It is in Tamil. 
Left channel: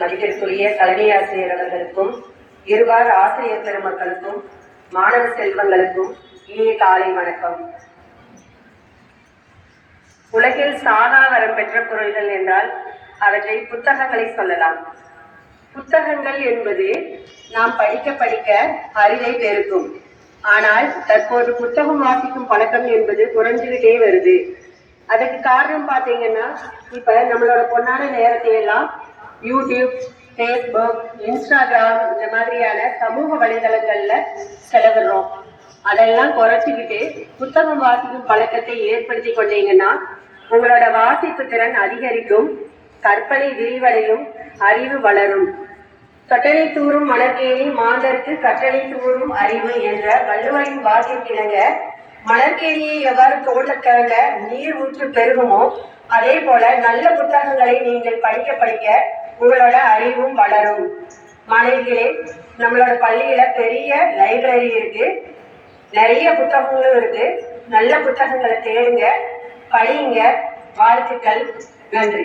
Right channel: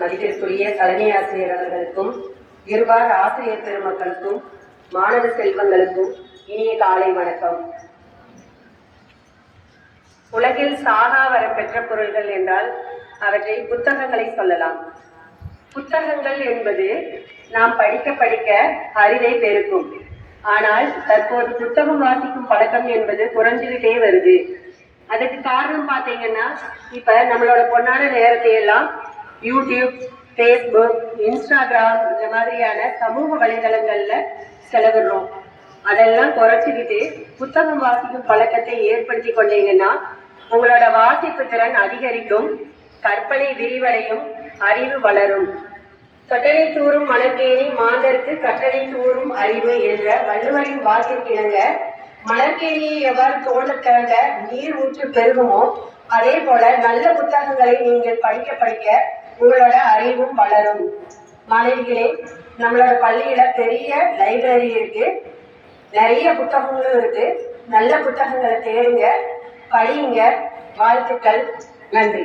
மதிப்பிற்குரிய தலைமை ஆசிரியர் அவர்களுக்கும், இருவார் ஆசிரியர் பெருமக்களுக்கும், மாணவ செல்வங்களுக்கும் இனிய காலை வணக்கம். உலகில் சாகா வரம் பெற்ற பொருள்கள் என்றால் அவற்றை புத்தகங்களை சொல்லலாம். புத்தகங்கள் என்பது நாம் படிக்க படிக்க அறிவை பெருக்கும். ஆனால் தற்போது புத்தகம் வாசிக்கும் பழக்கம் என்பது குறைஞ்சுகிட்டே வருது. அதுக்கு காரணம் பார்த்தீங்கன்னா, இப்ப நம்மளோட பொன்னான நேரத்தை எல்லாம் யூடியூப், ஃபேஸ்புக், இன்ஸ்டாகிராம் இந்த மாதிரியான சமூக வலைதளங்கள்ல செலவிடுறோம். அதெல்லாம் குறைச்சிக்கிட்டு புத்தகம் வாசிக்கும் பழக்கத்தை ஏற்படுத்தி கொண்டீங்கன்னா உங்களோட வாசிப்பு திறன் அதிகரிக்கும், கற்பனை விரிவடையும், அறிவு வளரும். கட்டளை தூறும் மலர்கேணி மாந்தருக்கு கட்டளை தூறும் அறிவு என்ற வள்ளுவரின் வாக்கிற்கிணங்க மலர்கேணியை எவ்வாறு தோண்டக்காக நீர் ஊற்று பெருகுமோ அதே போல நல்ல புத்தகங்களை நீங்கள் படிக்க படிக்க உங்களோட அறிவும் வளரும். மாணவிகளே, நம்மளோட பள்ளியில பெரிய லைப்ரரி இருக்கு, நிறைய புத்தகங்களும் இருக்கு. நல்ல புத்தகங்களை தேடுங்க, படியுங்க. வாழ்த்துக்கள். நன்றி.